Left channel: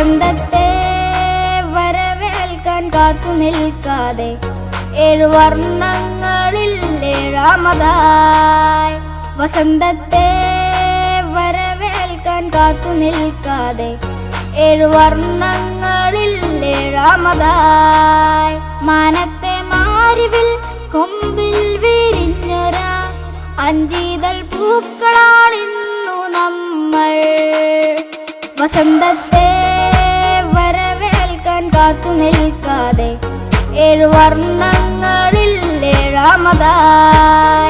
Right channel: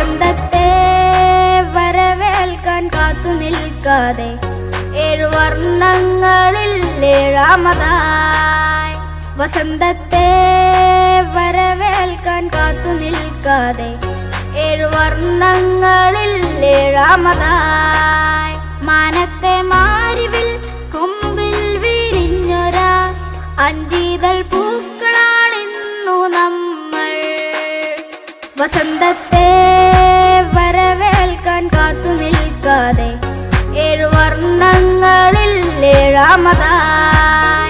വസന്തത്തെ വരവേൽക്കാൻ കാത്തു നിൽക്കാതെ 7 വർണ്ണങ്ങളിൽ 7ാമതായി. വസന്തത്തെ വരവേൽക്കാൻ കാത്തു നിൽക്കാതെ 7 വർണ്ണങ്ങളിൽ 7ാമതായി. മാനത്തെ മാരിവിൽ കൊമ്പിൽ വിരിഞ്ഞൊരാ 5 ഇതൾ പൂക്കളാണിന്നു നമ്മൾ. വസന്തത്തെ വരവേൽക്കാൻ കാത്തു നിൽക്കാതെ 7 വർണ്ണങ്ങളിൽ 7ാമതായി.